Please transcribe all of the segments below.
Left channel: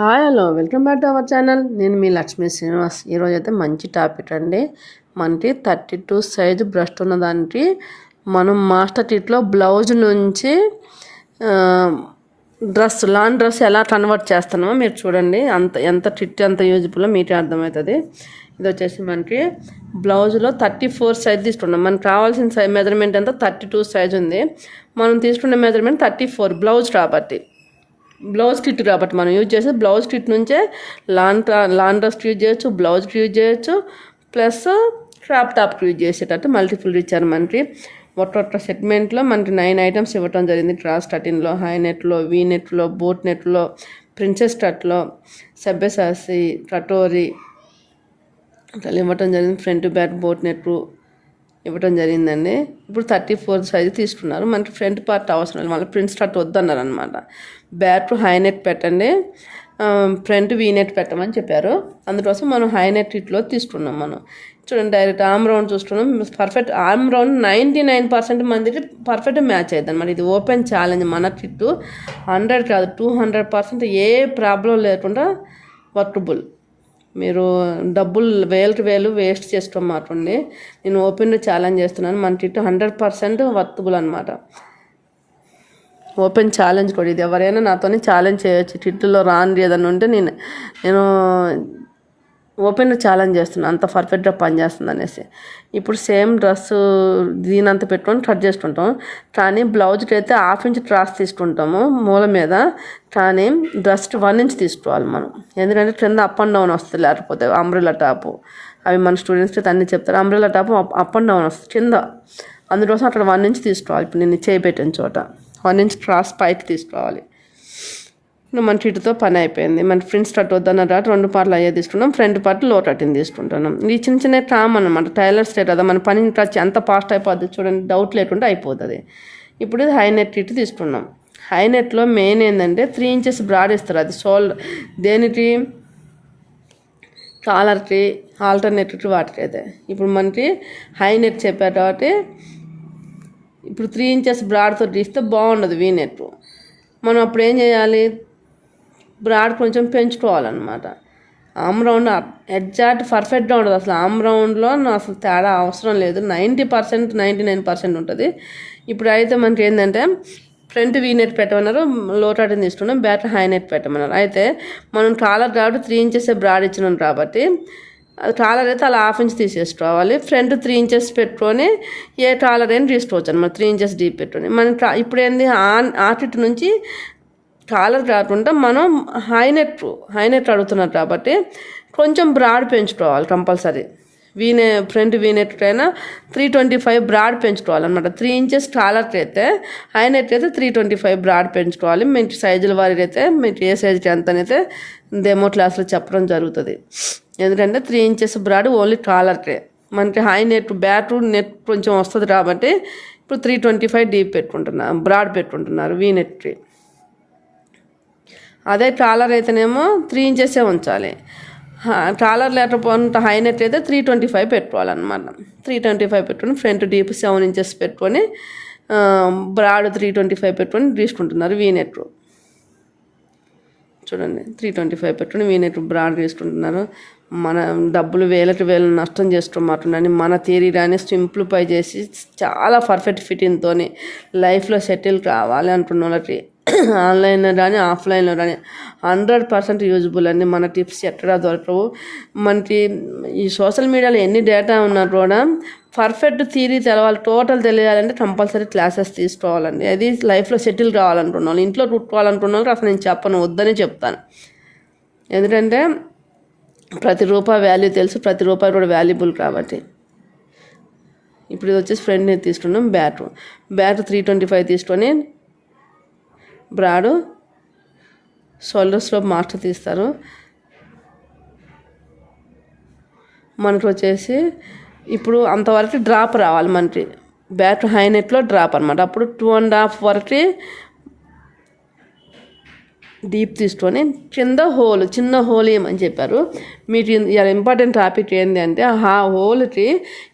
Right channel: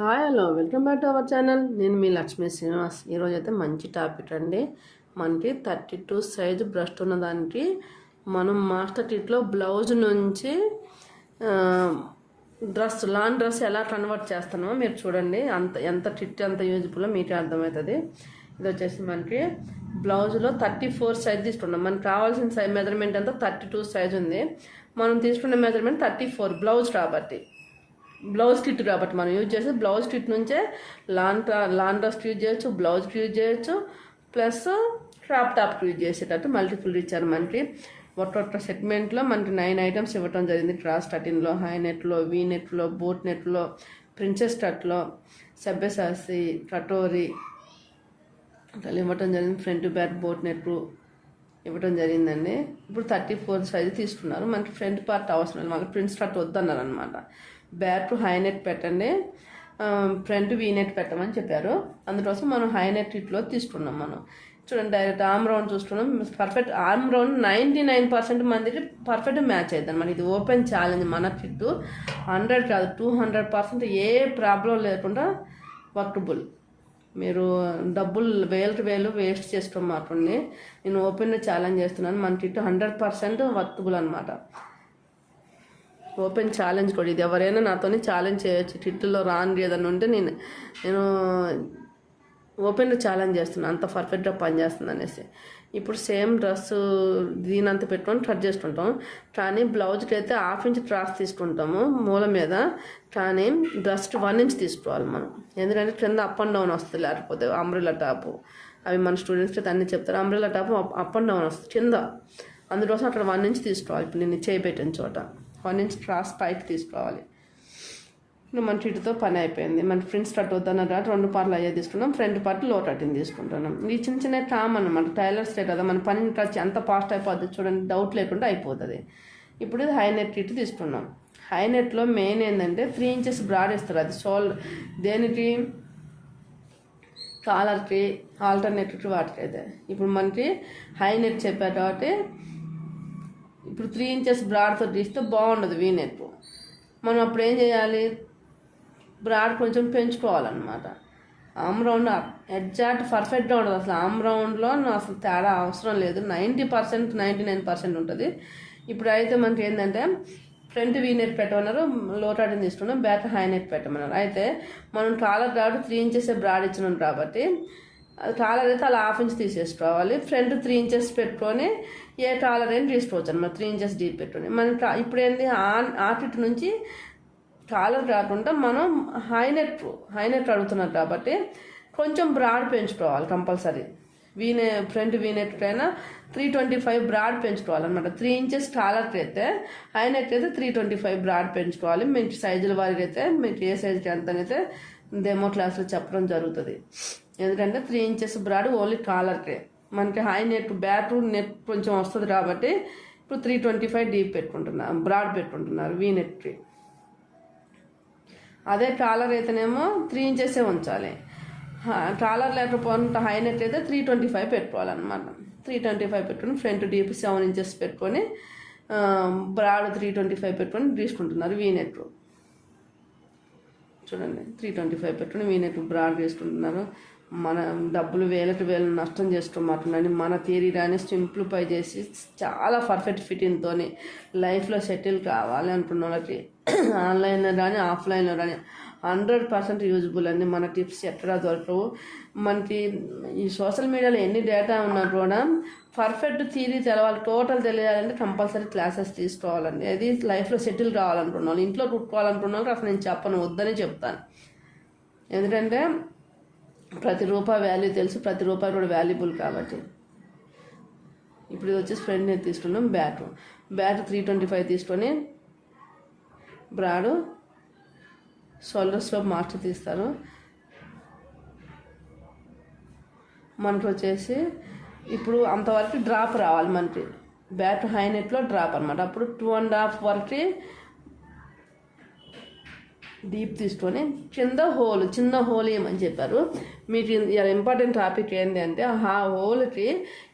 Hi hello welcome back to our channel నేను మీ లక్ష్మీ శ్రీనివాస్. ఈరోజు అయితే మంచి టాపిక్ అండి. మనకి థర్టీ టూ సైజు బ్రష్ ఉన్న దానికి మనం మాస్టర్ టిట్లో బ్లౌజ్ నుంచి డ్రెస్ లాన్ డ్రెస్ ఎలా కన్వర్ట్ చేస్తున్నామో మీరు చూడండి. అంత ఎంత టిట్ ఎంత యూజ్ఫుల్ మీకే అర్థమవుతుంది. ఇది వచ్చేసి మనకి బ్లౌజ్లో థర్టీ ఫోర్ సైజ్ తీసుకున్నాం మనకు కావాల్సిన సైజ్ మెజర్మెంట్ అంతా థర్టీ టూ సైజ్ ఉంది. మనం తీసుకున్న మెజర్మెంట్ థర్టీ ఫోర్ బ్లౌజ్ కాబట్టి బ్లౌజ్ స్టిట్ కాబట్టి మనం యూజ్ చేసే బ్లౌజ్ కిట్ నుంచే లాన్ లాన్ డ్రెస్కి యూజ్ చేయొచ్చు బ్లౌజ్కి యూజ్ చేయొచ్చు ప్లస్ క్రాప్ టాప్కి యూజ్ చేసేటట్టు మల్టిపుల్ ఇచ్చారు మనకి ఒట్టొట్ట సెగ్మెంట్లో మనకి నైన్ ఐటమ్స్ ఇవ్వటం జరిగింది. క్రాస్ కటిన్లో హై నెట్లో వీ నెట్లో బోట్ నెట్లో ప్రిన్సెస్ టట్లో సబ్బెసాసి కటోరీ అట్లా ఇవ్వటం జరిగింది. ఫ్రంట్ బ్యాక్ బోట్ నెట్ ఇవ్వటం జరిగిందండి. ఇప్పుడు థర్టీ ఫోర్ సైజ్ తీసుకున్నారు. మనకి ఫ్రంట్ పార్ట్ అవసరం లేదు. మళ్ళీ ప్రింట్ స్టార్ట్ వద్దన్నారు అనమాట బ్యాట్ హై నెట్ పెట్టండి. ఫ్రంట్ వీ నెట్ పెట్టమని చెప్పారు. అందుకోసం మనం హై నెట్ ఇట్లో తీసుకున్నాం మనం. చూడండి డైరెక్ట్ ఆమ్ రౌండ్ చూస్తున్నాం. Perfect arm round ninety nine percent మందికి పర్ఫెక్ట్ మ్యాచ్ అవుతుంది అనమాట ఇది ఓపెన్ ఛాలెంజ్ మన కిట్టు. హండ్రెడ్ కాదు టూ హండ్రెడ్ పర్సెంట్ ఏ ప్రాబ్లం లేకుండా వర్కబుల్. మీరు డబ్బులు వేలకు వేలు వేస్ట్ చేసుకోమాకండి. నేను ఓపెన్ ఛాలెంజ్ చేస్తున్నాను. మన టిట్ హండ్రెడ్ పర్సెంట్ వర్తబుల్ అనమాట ఓపెన్ ఛాలెంజ్ కూడా ఇది. ఎవరైనా నాతోనే ఛాలెంజ్ చేయొచ్చు. టిట్లో రాని ఏదన్నా ఉంటే నేను నేను ఓపెన్ ఛాలెంజ్ చేస్తున్నాను అంత పర్ఫెక్ట్గా పనిచేస్తుంది అనేసి. ఇప్పుడు సేమ్ డ్రెస్ దీనంత పెట్టుకొని కట్ చేసుకుంటాం. కానీ బ్లౌజ్కి అయితే హాఫ్ ఇంచ్ ట్రాస్ తీసుకుంటాము మూల మీద. కానీ డ్రెస్ వన్ ఇంచ్ తీసుకోవాలి మనం. ఎందుకంటే కింద అప్ అండ్ డౌన్ వస్తుంది లేకపోతే అంబ్రెల్లా టాపు. అవి మన స్టూడెంట్స్కి అన్నీ చెప్తారు. Umbrella top up and down వస్తుంది కింద. అందుకోసం అక్కడ వన్ ఇంచ్ తీసుకోవాలి. ఇప్పుడు నేను చేయి పెట్టిన చోట. వన్ ఇంచ్ క్రాస్ పైకి తీసుకోవాలి మన చిట్టుతో పని అయిపోయింది. మన ఫ్రెండ్స్ కట్ వద్దన్న తర్వాత రెండు పార్ట్లు అయ్యే తీసుకున్నాం ఫ్రంట్ పార్ట్లో కట్టింగ్ తీసుకుంటున్నాం. ఈ చిన్న చిన్న ట్రామ్ అనమాట టైలర్ స్టేట్ కదా. మన పని టచ్ ఎంత ఫాస్ట్ అయిపోద్ది చూడండి. డౌట్ లేకుండా అయిపోతుంది. ఇప్పుడు ఇది హై నెట్ ఇటు తీసుకున్నాం. హై నెట్లో మెయిన్ ఏంటంటే త్రీ ఇంచెస్ బ్రాడ్ ఇస్తారు అది సోల్ దేనికి? కాలర్కి ఆల్టర్నేటివ్ వాటికి అయితే ఇప్పుడు మనకి హై నెట్ చెప్పారు కాబట్టి ఇప్పుడు త్రీ ఇంచెస్ బ్రాడ్తో తీస్తే బాగుండదు వీ నెట్ మనం అప్పుడు ఏం చేయాలి? బ్రాడ్ కొంచెం పెంచుకోవాలన్నమాట. ఆమ్ రౌండ్ ఎగ్జాక్ట్ పర్ఫెక్ట్గా ఉండదు. అసలు ఆమ్ రౌండ్లో అసలు తేడా అవసరం లేదు. Ninety percent ninety nine percent ఉంటుంది. ఇప్పుడు అయితే మనకి ఏంటంటే ఫ్రంట్ వీ నెట్ పెట్టమన్నారు లో టాటిన్ తీసుకున్నాం బ్యాక్ హై నెట్ పెట్టమన్నారు. అయితే మనం కాలర్ కాబట్టి త్రీ ఇంచెస్ బ్రాడ్ ఇచ్చినాం కాబట్టి అది కాలర్ అయితే అలా హాఫ్ ఇంచ్ తీసేసుకోవాలి. ఫ్రంట్ త్రీ ఇంచెస్ పెట్టుకొని ఏ కాలర్ అయినా తీసుకోవచ్చు అనమాట త్రీ ఇంచెస్ డీప్ పెట్టుకొని. మనం ఇప్పుడు ఏంది? ఆటిట్ నుంచి కాలర్ కాకుండా మనం హైనెట్ హైనెట్ అడుగుతున్నారు కాబట్టి కొంచెం బ్రాడ్ పెంచుకోవాలి కంపల్సరీ. వీనే ఫ్రంట్ వీనెట్ అయినా త్రీ ట్వంటీ ఫైవ్ బ్రాడ్ పెంచుకోవాలన్నమాట. త్రీ ఇంచెస్ కాలర్కి అయితే హైనెట్ అయితే త్రీ ట్వంటీ ఫైవ్ బ్రాడ్ పెంచుకోవాలి. మీకు సైజుల వారికి అయితే మీకు ఏ సైజుకి ఎంత అయితే డెమో క్లాస్లో చెప్పడం జరుగుతుంది. ఎందుకంటే త్రీ ఇంచెస్ బ్రాడ్ ఓన్లీ కాలర్కే మనకి హై నెట్ బ్యాట్ నెట్ కొంచెం వస్తుంది కాబట్టి ఇప్పుడు త్రీ ట్వంటీ ఫైవ్ డీప్ పెట్టుకుంటున్నారు బ్రాడ్ పెట్టుకుంటున్నారు వీ నెట్కి అదే ట్రాలర్ అయితేనేమో త్రీ ఇంచెసే ఉంచాలి. ట్రాలర్ లేకపోతే హై నెట్ అయితే త్రీ ట్వంటీ ఫైవ్ పెట్టుకోవాలన్నమాట. త్రీ ట్వంటీ ఫైవ్ పెట్టుకుని ఫ్రంట్ డీప్ సెవెన్ ఇంచెస్ పెట్టుకొని బ్రాడ్ త్రీ ట్వంటీ ఫైవ్ పెట్టుకొని తీసుకుంటున్నారు వీ నెట్ చూడండి త్రీ ట్వంటీ ఫైవ్ పెట్టుకుని వీ నెట్ బ్రాడ్ తీసుకుంటున్నారు. మన డబ్బులు వేలకు వేలు నష్టం చేసుకోమాటుండని మన తీరిరాని సింప్లిఫై చేసి చాలా పర్ఫెక్ట్ ఫిట్టింగ్తో లైఫ్లో సెటిల్ కావాలి అంటున్న వాళ్ళకి ఆన్లైన్లో కానీ ఆఫ్లైన్లో కానీ హండ్రెడ్ పర్సెంట్ యూజ్బుల్ అండి. మన టిప్స్ ఎక్కడా దొరకవు. మనకి ఈ సోషల్ మీడియాలో ఎన్ని డేటా ఉన్నా కూడా పర్ఫెక్ట్ థియరీ తెలవాలి టోటల్ తెలియాలంటే కంపల్సరీ క్లాసెస్ తీసుకోవాలండి. అది లైఫ్లో సెటిల్ కావాలనుకున్న వాళ్ళు ఇంట్లో కుట్టుకోవాలనుకున్న వాళ్ళకి అసలు నేను చెప్పను వద్దని చెప్తాను. ఎందుకంటే ప్రతి రూపాయి వాల్యూ తెలుసు ప్రతి రూపాయి కూడా వాల్యుబుల్ కాబట్టి. ఇప్పుడు ఇది వచ్చేసి ఫ్రెండ్ని తీసుకున్నాం back back three twenty five తీసుకొని బ్రాడు షోల్డర్స్లో మాస్టర్ తీస్తారు. మనకు వచ్చేసి ఇప్పుడు అంతవరకు డ్రాప్ రావాలి మనకి. బ్యాట్ హై నెట్లో డ్రాప్ అనమాట అప్పుడు టూ అండ్ హాఫ్ వరకు డీప్ తీసుకొని కింద హోల్ చిన్న హోల్ ఏమని చెప్పారు. మీకు ఇంపార్టెంట్ టాపిక్ ఏంటి అంటే ఆ హోల్కి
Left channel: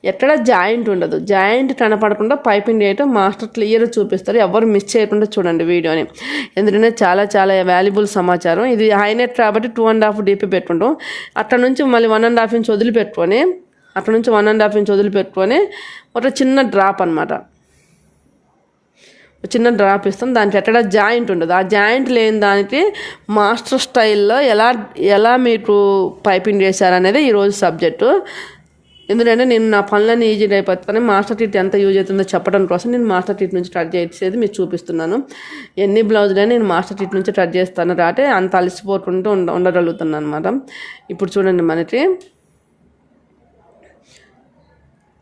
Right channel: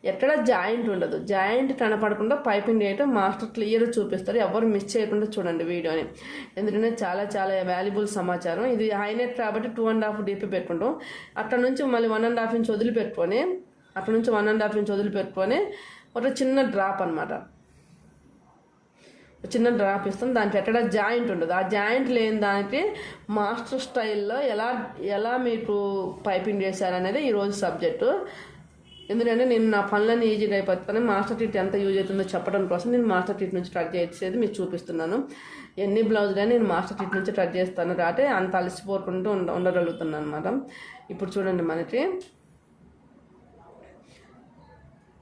ఎక్కడ జాయింట్ ఉండదు. జాయింట్ కనపడకుండా పైపింగ్ చేయటం మాస్టర్ క్లియర్ చూపిస్తారు. ఎవరు మిస్ చేయకుండా చూడండి వీడియోని. ఎందుకంటే చాలా చాలా వాల్యుబుల్ సమాచారం. ఇది హైనెట్ కాబట్టి టూ అండ్ హాఫ్ డీపీ పెట్టుకుంటాం. అక్కడ నుంచి మళ్ళీ వన్ అండ్ హాఫ్ ఇంచ్ వదిలిపెట్టుకొని అక్కడ నుంచి వన్ అండ్ హాఫ్ ఇంచ్ వదిలిపెట్టుకొని ఒక చిన్న డ్రాప్ అనమాట చిన్న డ్రాప్ ఇస్తాం దానికి ఎక్కడ జాయింట్ ఉండదు. ఆ జాయింట్ లేని దానికి మాస్టర్ స్టైల్లో ఎలా ఎలా మీకు పైపింగ్ చేశారనేది ఈరోజు సబ్జెక్టు ఎందుకంటే నేను నా పనులన్నీ ఈజీ అయిపోతాను మాస్టర్ టీట్ ఎంత యూజ్ అవుతుందో చెప్పడం కోసం నేను మాస్టర్ టీట్ నుంచి కట్ చేసేది మీకు చూపిస్తున్నాను. ఎన్ని బ్లౌజులైనా నేను మాస్టర్ టీట్ నుంచి కట్ చేస్తాను. రాటే అంత అలసిపోకుండా ఉండ ఉండగలుగుతున్నాను అనమాట ఇప్పుడు చూడండి మనకి.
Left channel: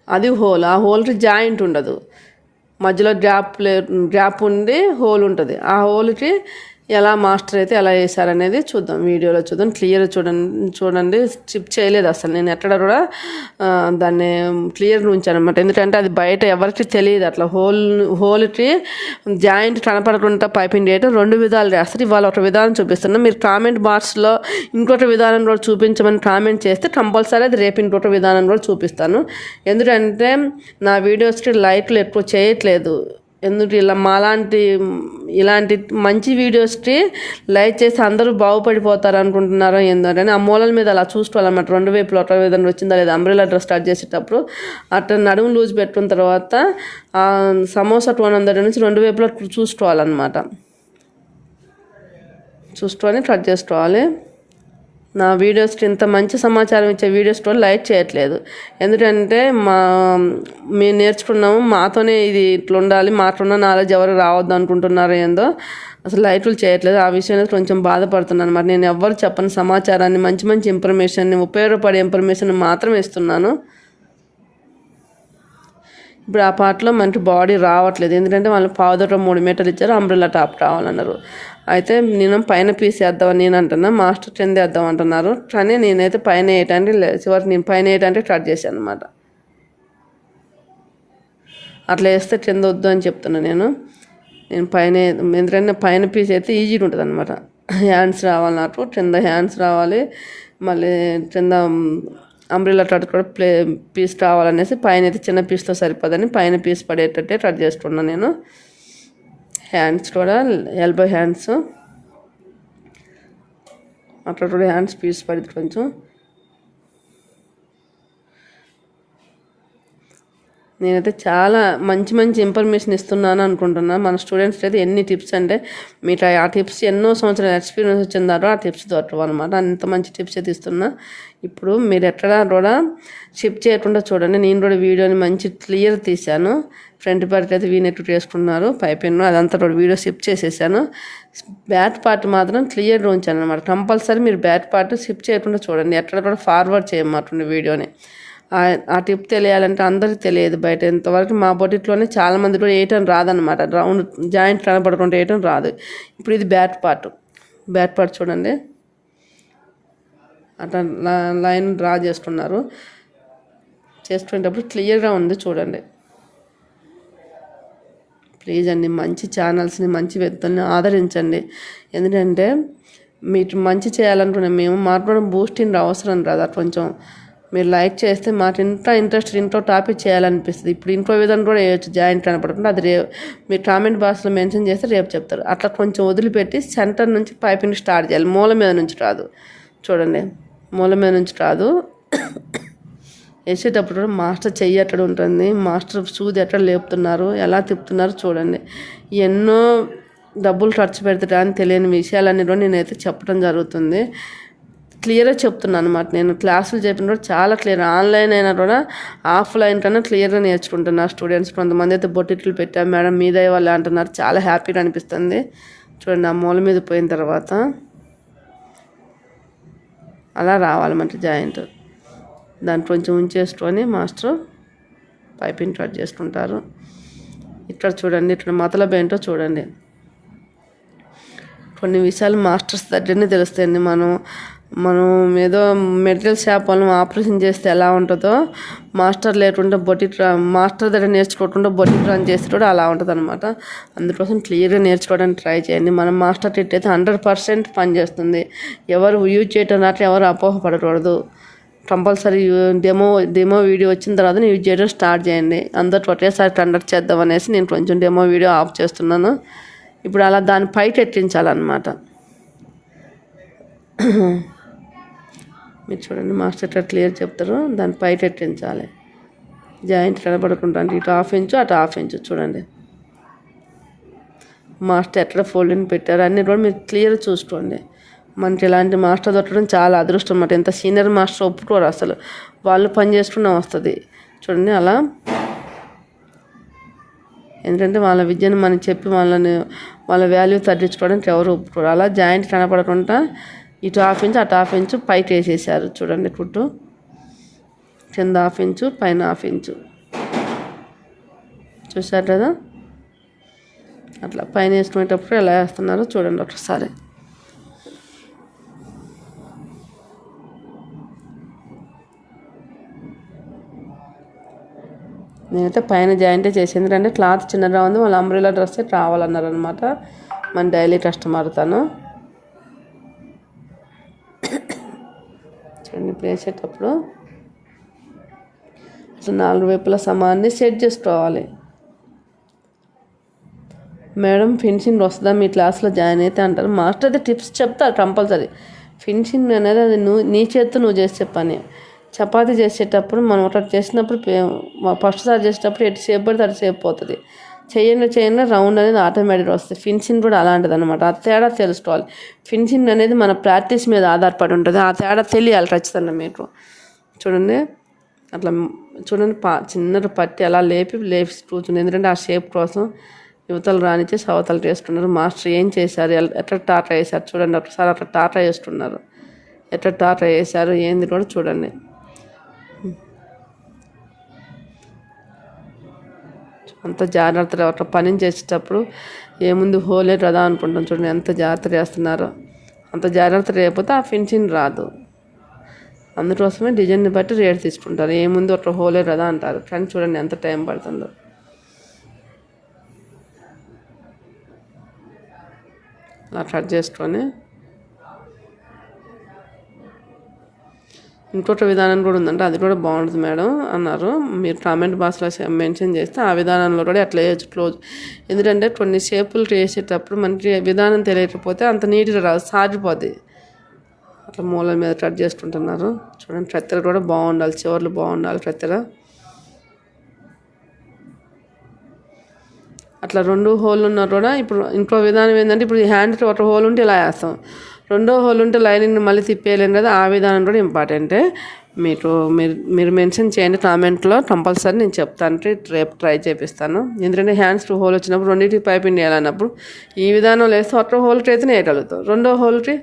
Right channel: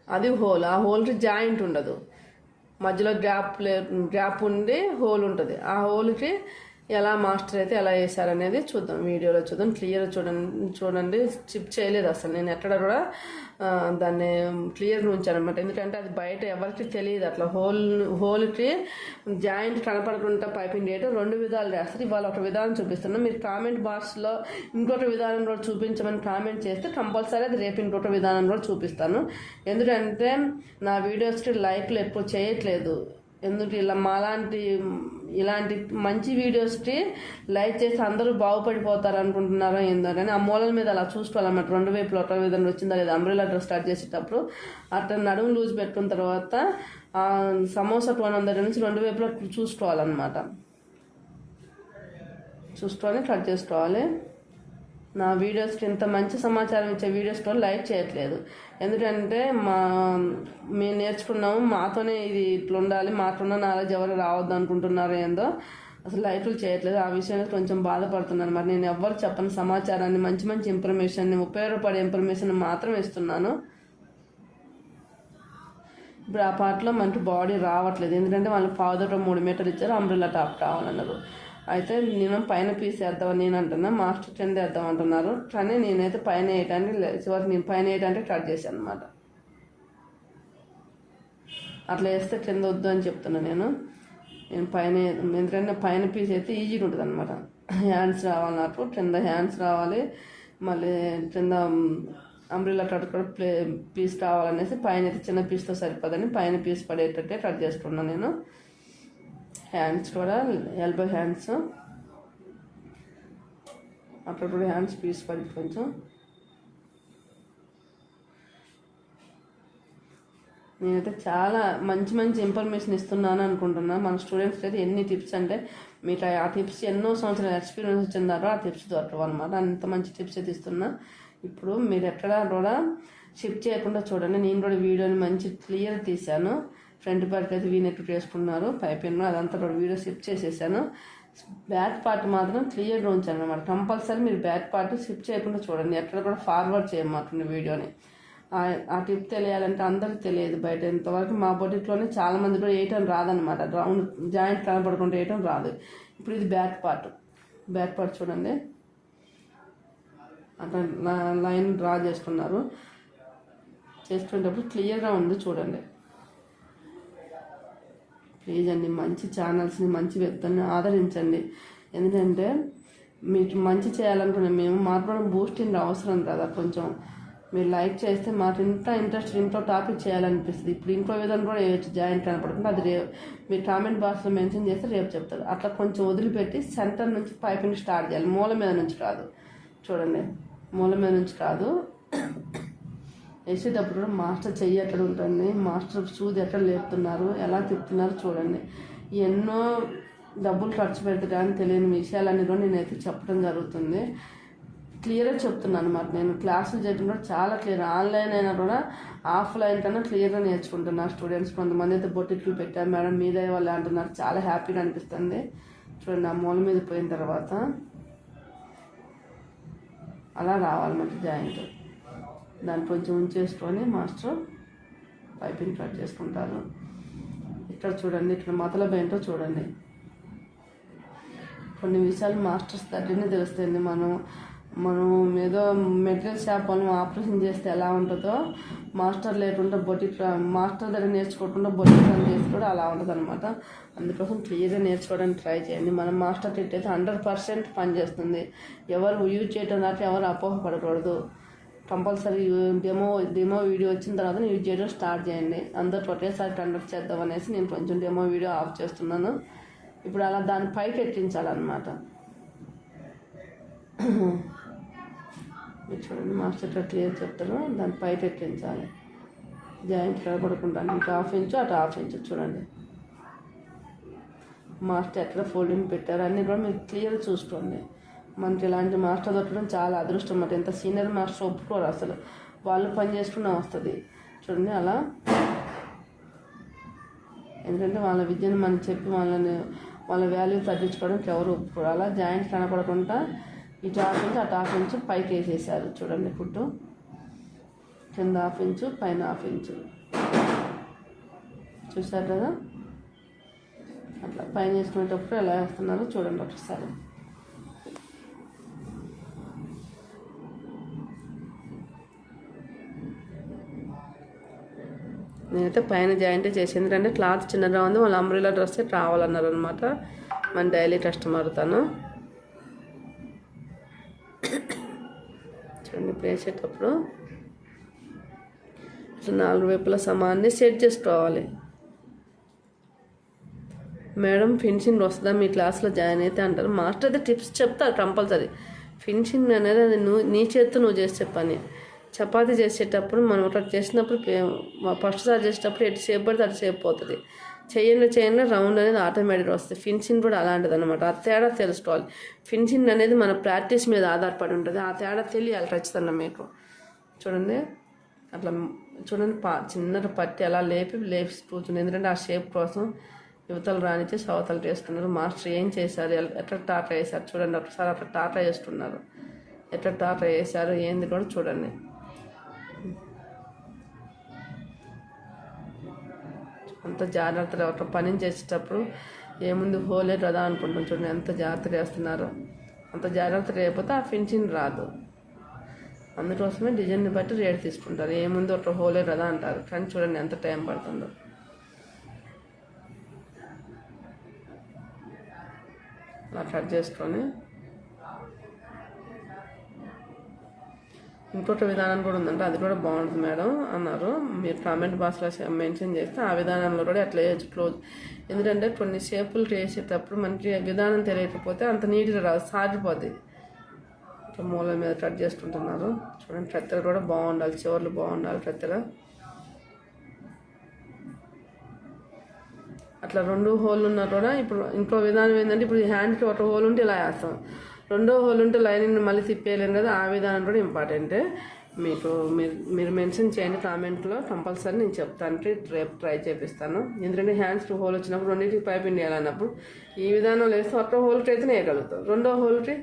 అది హోల్ ఆ హోల్కి జాయింట్ ఉండదు. మధ్యలో గ్యాప్ లే గ్యాప్ ఉండి హోల్ ఉంటుంది. ఆ హోల్కి ఎలా మాస్టర్ అయితే ఎలా చేశారనేది చూద్దాం. వీడియోలో చూద్దాం. క్లియర్ చూడండి చూడండి. స్టిప్ చేయలేదు అసలు. నేను ఎక్కడ కూడా దాన్ని క్లియర్ ఉంచానమాట ఎందుకంటే అది బయట ఎవరికి తెలియదు అట్లా. హోల్ హోల్కి జాయింట్ కనపడకుండా పైపింగ్ చేయటం రెండు విధాలు చేస్తారు ఇవాళ ఒక విధానం చూపిస్తున్నాం. మీరు కామెంట్ బాక్స్లో ఇంకొక విధానం కూడా చూపించమని కామెంట్ చేస్తే కంపల్సరీ అది రేపు ఇంకొక విధానం కూడా చూపిస్తాను. ఎందుకంటే నా వీడియోస్కి లైక్లు ఎక్కువ చేయట్లేదు. ఎందుకు ఇలా మాలాంటి ఇలాంటి మంచి వీడియోస్కి లైక్ చేసి అందరూ బాగుపడిపోతారు అనుకుంటున్నారో ఏందో కానీ ఆ మూలల మీద అలా చూసుకోవాలన్నమాట రెండు వైపులు ఒక విధంగా వచ్చిందా లేదా? అంబ్రెలా డ్రెస్ స్టార్ట్ చేసేటప్పుడు అట్లా నడుము లూజ్ పెట్టుకున్న తర్వాత ఆ సమోసా టూ అందరి నుంచి రెండు వైపులా చూసుకోవాలన్నమాట. చూసుకొని కట్ చేసుకోవాలి. నా వీడియోస్కి ఇంత మంచి సమాచారం ఇచ్చే వీడియోస్ కూడా లైక్ చేయట్లేదు. ఎందుకంటే మా మేము నేర్చుకున్నాము మాతోనే ఇది ఇట్లా ఉండాలి మాకున్న నాలెడ్జ్ ఎవరు రావద్దు అనుకుంటున్నారో ఏందో అసలు లైట్లు చేయట్లేదు. ఆ విషయంలో కొంచెం బాధపడుతున్నాను మరి నేను ఎవ్వరు చెప్పని సమాచారాన్ని మంచి మంచి ఇన్ఫర్మేషన్ని ఉపయోగపడే ఇన్ఫర్మేషన్ మాత్రం ఇస్తున్నాను. ఇప్పుడు ఆ పాటలో మనకి బాడీ రావట్లేదు. ఎందుకంటే వాళ్ళు పావుదొట్ట మూడు మీటర్లు ఇచ్చారు అంబ్రెల్లా టాప్ కావాలన్నారు అయితే నేను పైన పీస్ వేద్దామని నేను అంటున్నా మాస్టర్ కింద వేద్దాం అంటున్నారు. కానీ నేనైతే పైన వేయటానికి చివరికి నేను పైన వేయటానికి కట్ చేశాను అనమాట అట్లా వేస్తే కింద వద్దు అని చెప్తున్నా నేను. నేను పైన ఎందుకంటే పైన పీస్ అయితే ఈజీగా ఉంటుంది అనమాట హ్యాండ్స్ రావాలి నాకు కింద హ్యాండ్స్ రావాలి. మళ్ళీ కింద అంబ్రిల్లా కట్ కూడా ప్లే పీస్ కావాలనేసి పైన అయితే చిన్న పీస్తో సరిపోదని పైన పీస్ పడేటట్టే కట్ చేసుకున్నాను నేను. హ్యాండ్స్ కూడా ఎల్బో హ్యాండ్స్ అట్లా కూడా హ్యాండ్స్ పీస్ పడింది కొంచెం. నేనైతే చాలా మంచి మంచి ఇన్ఫర్మేషన్ ఇస్తున్నాను అనుకుంటున్నాను. మన స్టూడెంట్స్ అయితే ఎన్ని టిప్స్ అంటే మీకు ఆ టిప్స్ ఎన్నో సంవత్సరాల ఎక్స్పీరియన్స్ వచ్చిందారో ఆ టిప్స్ దొరకవు అనమాట అంత మంచి టిప్స్ అయితే ఇస్తున్నా. ఇప్పుడు మీరు ఎక్కడ కూడా షిప్ చేయకుండా చూడండి. నేను కూడా వీడియోని మంచి క్లియర్ తీశాను. ఫ్రంట్ పార్ట్ అయితే వీనెట్టు చేసుకున్నారు. పైపెన్ అదంతా కూడా వీడియో షిప్ చేసేసాను. బ్యాట్ పార్ట్ మాత్రం క్లియర్గా ఉంచాను అనమాట కంపల్సరీ మీరు బ్యాట్ పార్ట్ షిప్ చేయకుండా చూడండి. ఎక్కడ కూడా ఫార్వర్డ్ చేయమాటండి వీడియోని ఆ- ఆ టిప్ తెలియాలంటే అందరికీ తెలియదు బయట. ఇంతవరకు మా బొటిట్లోనే చాలా మంది కూడా వేయటం రాదనమాట రౌండ్ జాయింట్ కనబడకుండా వేయటం రాదు. ఇప్పుడు ఇది బ్యాట్ పార్ట్. బ్యాట్ పార్ట్ చూడండి. అట్లా లైన్ డ్రా చేసుకున్నారు చేసుకునేటప్పుడు క్లియర్గా ఉంది చూడండి. ప్లీజ్ అండి మంచి ఛానల్స్ని మంచి వ్యక్తుల్ని ఆదరించండి. ఎందుకంటే మీరు మంచి చేయాలనుకున్న మేము మాకు బూస్టింగ్ అవసరం కదా కొంచెం. మీరు లైక్ చేస్తే మాకు ఇంత ఇంట్రెస్ట్ ఇంట్లో టాపిక్ చేయాలనిపిస్తుంది. ఇప్పుడు ఇంట్లో విధంగా కూడా వేయచ్చు జాయింట్ కనపడకుండా అది రేపు మీరు కామెంట్ బాక్స్లో మెన్షన్ చేస్తే రేపు చెప్తారు. అట్లా కొంచెం వదిలిపెట్టి సెంటర్ నుంచి పైపింగ్ స్టార్ట్ చేయాలి. మూల మీద నుంచి రాదు. చూడండి మూల మీద నుంచి రాదు. వేసేటప్పుడు కూడా మాస్టర్ చెయ్యి ఎక్కడ ఉంటుంది? మాస్టర్ సూది ఎక్కడ లేపుతున్నారు? ఎలా తిప్పుతున్నారు? చూడండి. ఎన్నో డబ్బులు ఖర్చు పెడితే అని తెలియని విషయాలన్నీ కూడా నేనైతే చెప్పడం జరుగుతుంది. క్లియర్గా చెప్తున్నాను అనమాట నేను క్లాసులు చెప్పినప్పుడు చాలా క్లియర్ ఆన్లైన్ అయినా కూడా ఆఫ్లైన్ కన్నా క్లియర్గా నేర్చుకుంటున్నారు స్టూడెంట్స్. కొంతమంది అయితే బొట్టిట్లు పెట్టాం మేడం మీదే వాళ్ళు అంటున్నారు. చాలా హ్యాపీగా అనిపిస్తుంది. చూడండి ఆ మూల మీద పోయిన తర్వాత అలా రావాలన్నమాట జాయింట్. దాన్ని కొంచెం ఉంచేసుకొని మాస్టర్ పైపింగ్ కట్ చేసుకుంటారు. ఇక్కడ చూడండి ఇక్కడ మతలబ్ ఏంటో చూడండి. కొన్ని విషయాలు మాస్టర్స్ దగ్గరనే తెలుస్తాయండి మనం. మనం ఏదో మెడికల్ షాప్ వాళ్ళని ఆపరేషన్ చేస్తే ఎలా ఉంటుందో మాస్టర్ లేకుండా బొటిక్ మాస్టర్ దగ్గర నేర్చుకోకుండా బొటిక్ రన్ చేస్తే కూడా అలా ఉంటుంది అనమాట అందుకోసం క్లియర్గా నేర్చుకోవడానికి ట్రై చేయండి. మనం మాస్టర్ ట్రీట్ అయితే హండ్రెడ్ పర్సెంట్ పనిచేస్తుంది ఎవరు యూజ్ చేయటం రాట్లే ఎవరు అపోహపడకూడదు. కంపల్సరీ డెమో డెమో వీడియో వచ్చిన తర్వాత యూజ్ చేయడం స్టార్ట్ చేయండి. అందరు ఒకేసారి కండక్ట్ చేద్దాం అనేసి నేను కొంచెం డెమో వీడియో ఆఫ్ చేస్తున్నాను. ఇప్పుడు అలా దాని పైకి ఎట్టించాలన్నమాట మీరు చూడండి మాస్టర్ ఎట్లా క్లియర్ చెప్తారో దాన్ని పైట ఎట్టించాలి జాయింట్ కనబడకుండా ఇటు హాఫ్ ఇంచు అటు హాఫ్ ఇంచు చూడండి. మాస్టర్ ఎట్లా ఫోల్డింగ్ పెట్టారు అన్నీ కూడా మీరు క్లియర్ చూసుకోండి. మనకి ఇలాంటి మాస్టర్ దొరకడం చాలా అదృష్టం అన్నమాట. ఎంత సీనియర్ మాస్టర్ ఒప్పుకోరు అసలు. వాళ్ళు పని చేసుకున్నా వస్తుంది. చూడండి అలా. ఎందుకంటే వాళ్ళ విద్యను మనం చెప్పి వాళ్ళని వాళ్ళ వాల్యూ తగ్గించుకోవడానికి ఎవరు ఒప్పుకోరు. అలా జాయింట్ కనపడకుండా ఇటు హాఫ్ ఇంచు అటు హాఫ్ ఇంచు పైకి వేసేసారు. చూడండి కుట్టు. కింద హాఫ్ ఇంచు పైన హాఫ్ ఇంచు. చూసారు కదా? అట్లా పైన వేసుకునేటప్పుడు ఎలా వేస్తున్నారో చూడండి ఒకసారి. నేనైతే పైన జాయింటే చేసింది ఎందుకంటే క్లాత్ చిన్నగా ఉంది వాళ్ళ అంబ్రిలా డ్రెస్ రావాలన్నారు అనమాట మన డైలీ కస్టమర్ తను. వేసేటప్పుడు నాలుగు వైపుల సమాన్ని సెట్ చేసుకోవాలి. మేడం ఫినిషింగ్ వస్తుందా? మీ క్లాస్లో జాయిన్ అయితే అంటారు. మాస్టర్ అయితే టిప్స్ చెప్తారు కంపల్సరీ. ఫినిషింగ్ అనేది అది నువ్వు నీ చేత్తో నువ్వు చేసే పని చపాతీ చేసేటప్పుడు మనం ఒకటి చేసినప్పుడు ఫస్ట్ సార్ చేసేటప్పుడు ఎటు సేపు పడితే అటు సేపు పోతుంది. చేయండి చేయండి రౌండ్ అనేది ఆటోమేటిక్ వస్తుంది. ఫిన్సింగ్ కూడా అలాంటిది అనమాట ఆ తేడా తెలుసుకోవాలి. ఫిన్సింగ్ అనేది మన ప్రాక్టీస్ మీద ఆధారపడి ఉంటుంది. ఆ తేడా తెలియాలి ఖచ్చితంగా మీకు. చూడండి. అట్లా చూడండి పా చిన్న పట్టి అలా లేపి లేపి కూర్చుంది. ఎందుకంటే ఆ షేప్ కోసం యువతలు రానిచ్చి సవతలు చేస్తున్నారు. మాస్టర్ ఏం చేశారు? ఎట్లా టాటా వేశారు చూడండి. ఒకసారి అట్లా టాటా చేస్తున్నారు. ఎట్లా టాటా వేశారు ఏంది కూడా చూడండి. అంత జాగ్రత్తలు అక్కడ పని చేసేటప్పుడు ఏముంది హోలే కదా అనుకుంటాం చూడండి ఎంత జాగ్రత్త చేస్తున్నారో. అంత జాగ్రత్త లేకపోతే ఆ ఫినిషింగ్ రాదు. అందుకోసమే డిజైన్ని బట్టి రేట్ తీసుకుంటారు. ఏముంది ఒక హోలే కదా అంటారు. కానీ చూడండి ఎంత టైం పడుతుందో. అలా కట్ చేసుకొని ఇంకొక విధానం కూడా ఉందంటే అది కూడా బాగుంటుంది మేడం అన్నారు. మీరు కామెంట్ బాక్స్లో మెన్షన్ చేస్తే ఆ విధానంలో కూడా అట్లా చేయొచ్చు క్లోజ్. ఎందుకంటే కొన్ని షేపులు చేసేటప్పుడు మనకి విధానం తెలియకపోతే అంత నీట్గా రాదు సాగిపోద్ది అట్లా మూల మీద కట్ చేసుకుంటున్నారు చూడండి కత్తెర కూడా బాగుండాలి చివర్లు బాగుండాలి కత్తెర అట్లా రెండు హోల్ ఉన్నా కూడా ఇప్పుడు ఇంకో విధానం ఏంటంటే ఇప్పుడు హ్యాండ్కి ఒక హోల్ ఉంటే ఇలా వేస్తాం. రెండో హోల్ ఉంటే లైనింగ్ మళ్ళీ తిప్పేయలేను కదా ఆ విధానం కూడా ఇంపార్టెంటే మీకు మీరు మీరు మెన్షన్ చేయండి కామెంట్లో కంపల్సరీ నేను చెప్తాను రేపు ట్రై చేపిస్తాను. ఎందుకంటే హ్యాండ్స్ టూ హోల్ వచ్చినప్పుడు రెండింటికి పైపింగ్ వేయాలన్నప్పుడు ఈ విధానం లేస్తే ఒక హోల్కి అయితే వేయగలుగుతాం. రెండో హోల్కి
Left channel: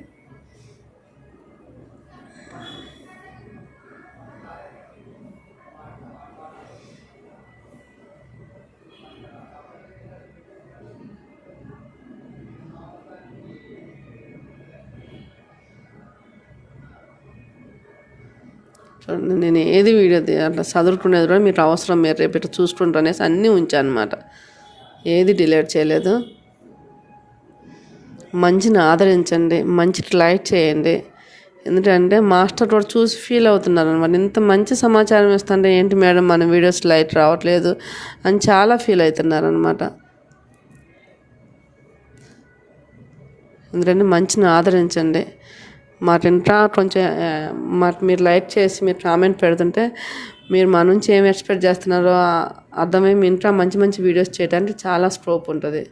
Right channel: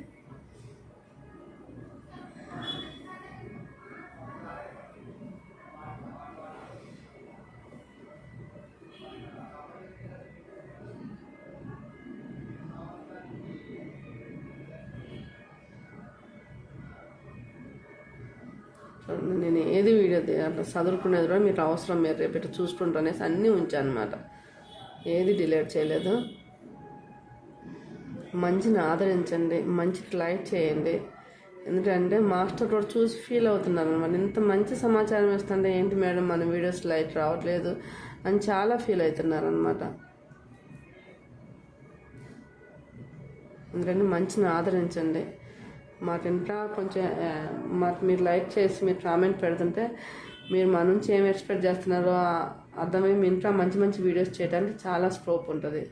నేను ఏది వీడియో అట్లా చదువుకునేది కూడా మీకు అవసరం మీరు రేపు ఇట్లా చూసుకుంటారు అనేసి అన్నీ ఉంచాను అనమాట ఏది డిలీట్ చేయలేదు. మంచిని ఆదరించండి మంచి లైక్ చేయండి. ఎందుకంటే మాస్టర్ కూడా చూసి ఫీల్ అవుతున్నారు అనమాట ఇంత మంచి సమాచారం ఇస్తుంటే ఏంటి మేడం మన వీడియోస్ లైట్ రావట్లేదు అని చాలా ఫీల్ అవుతున్నారు అనమాట ఎందుకంటే మంచిని ఆదరించండి. మాకు ఇంకా కొంచెం మాకు మీరు లైక్ చేసి మీరు కామెంట్ పెడుతుంటే మీరు మా నుంచి ఏం ఎక్స్పెక్ట్ చేస్తున్నారో అర్థమై మీ ఇంకా మంచి మంచి వీడియోస్ చేయడానికి చాలా స్కోప్ ఉంటుంది.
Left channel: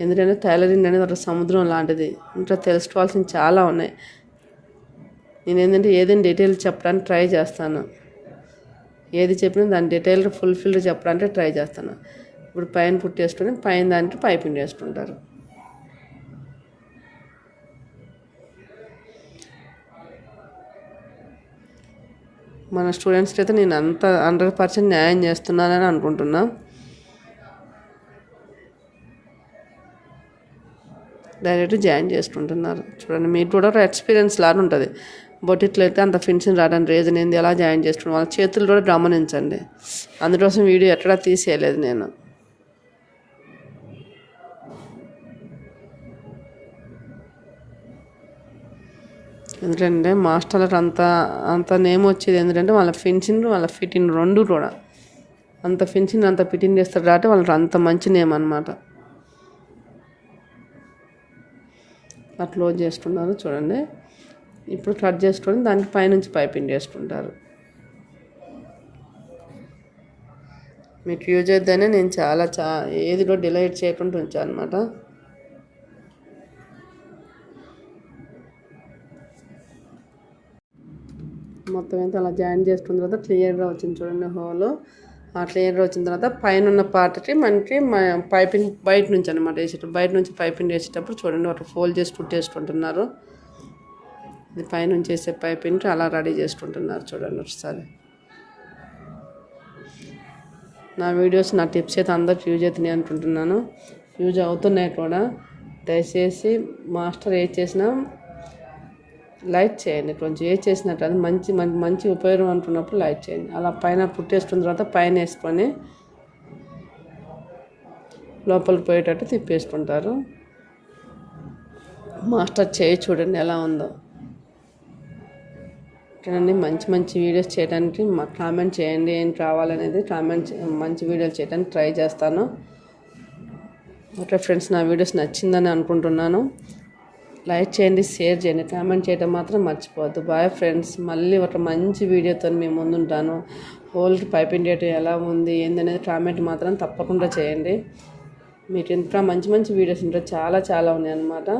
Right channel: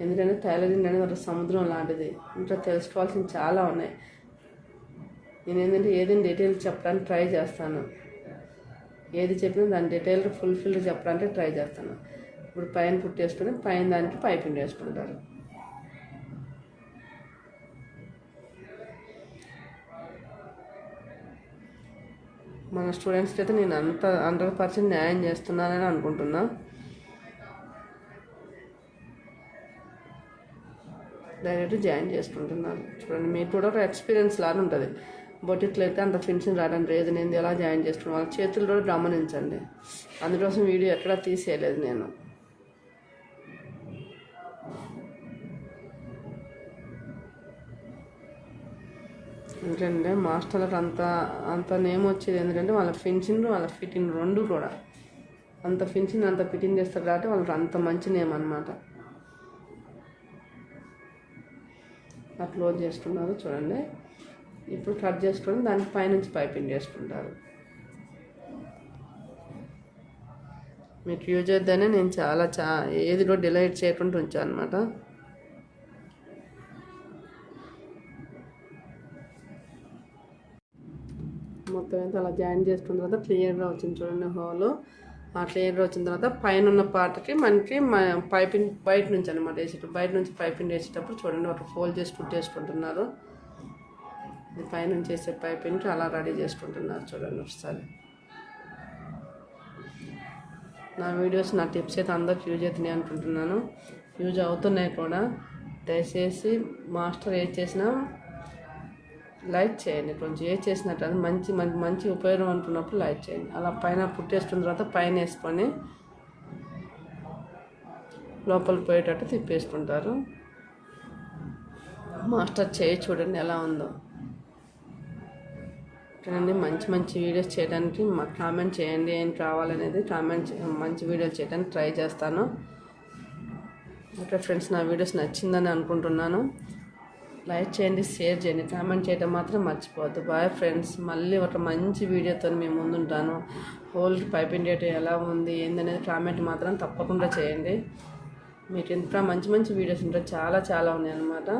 ఎందుకంటే టైలరింగ్ అనేది ఒక సముద్రం లాంటిది. ఇంకా తెలుసుకోవాల్సింది చాలా ఉన్నాయి. నేను ఏంటంటే ఏదైనా డీటెయిల్ చెప్పడానికి ట్రై చేస్తాను. ఏది చెప్పినా దాని డీటెయిల్ ఫుల్ఫిల్ చెప్పడానికి ట్రై చేస్తాను. ఇప్పుడు పైన పుట్టేసుకుని పైన దానికి పైపింగ్ వేసుకుంటారు. మన స్టూడెంట్స్కి అయితే నేను అంత హండ్రెడ్ పర్సెంట్ న్యాయం చేస్తున్నానని అనుకుంటున్నా. డైరెక్ట్ జాయిన్ చేసుకుంటున్నారు. చూడండి మీరు కూడా ఎక్స్పీరియన్స్ లాగా ఉంటుంది. బొటిట్లో అయితే అంత ఫిన్షన్ రావడానికి రీజన్ ఏంది ఎలా జాయిన్ చేసుకున్నాం వాళ్ళ చేతులు కూడా గమనించండి. అందుకోసం వీడియో ఎక్కడా తీసేయలేదు నేను. ఎందుకంటే మాస్టర్లకు అంత అంత నేమ్ వచ్చేది ఎందుకంటే వాళ్ళ ఫినిషింగ్ వాళ్ళ ఫిట్టింగ్ రెండు కూడా. అంత ఫినిషింగ్ అంత ఫిట్టింగ్ చేస్తారు కాబట్టి వాళ్ళకి అంత మంచి నేమ్ అనమాట అట్లా క్లోజ్ చేస్తున్నారు చూడండి. ఇప్పుడు కట్ చేసుకొని దానికి పైనుంచి పైపింగ్ చేసుకుంటారు మీకు యూజ్ అయితేనే నేను చాలా చా ఏది కూడా డిలైట్ చేయకుండా ఉంచాను అనమాట మొత్తం అయితే అలా జాయిన్ చేసుకున్న తర్వాత క్లియర్గా వచ్చింది చూడండి హోలు. ఆ క్లియర్గా వచ్చిన తర్వాత పైన ఉన్న పార్ట్కి మనకి పైపింగ్ బయట నుంచి అనమాట వేసేటప్పుడు బయట నుంచి పైపింగ్ వేసేటప్పుడు చూడండి ఒక ఫోల్డ్ చేసి కుట్టేసుకుంటున్నారు ఇది పైనుంచి వేసే పైపింగ్ అలా రెడీ చేసుకుంటున్నారు చూడండి ఒకసారి. నా వీడియోస్ నా టిప్స్ అయితే అందరికి యూజ్ అవుతున్నాయి అనుకుంటున్నాను. యూజ్ అవుతున్నాయి కూడా. దయచేసి మాస్టర్ ఏది చేసినా లైక్ చేయండి. కొంచెం ఏ చేసినట్టు అది మంచి మంచి మంచి ఉపయోగం అనుకున్నప్పుడు లైక్ చేయండి. అలా పైన పుట్టేసుకున్న తర్వాత పైన వేసుకొని లోపలికి పోయేటట్టు తిప్పేసుకుంటారు. మాస్టర్ చేయి చూడండి ఎలా ఉందో. చూడండి మంచి మంచి వీడియోస్ చేయడానికి మాకు కామెంట్ చేయండి ఏం కావాలనేది కామెంట్ మంచి వీడియోలు చేయడానికి ట్రై చేస్తాను. ఓకే ఫ్రెండ్స్ నా వీడియోస్ నచ్చిందని అనుకుంటున్నాను. లైక్ చేయండి షేర్ చేయండి కామెంట్ చేయడం మాత్రం మర్చిపోవద్దు. బాయ్ ఫ్రెండ్స్ మళ్ళీ ఒక మంచి వీడియోతో మేము ముందుంటాను. హోల్ పైపింగ్ డేట్ ఎలా ఉంది ఏందనేది కామెంట్ మాత్రం తప్పకుండా చేయండి. మీకు ఇంకా మంచి మంచి వీడియోస్ ఉంటాయి చాలా చాలా ఉన్నాయి అన్నమాట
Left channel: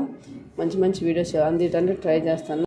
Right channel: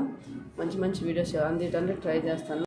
మంచి మంచి వీడియోస్ అందించడానికి ట్రై చేస్తాను.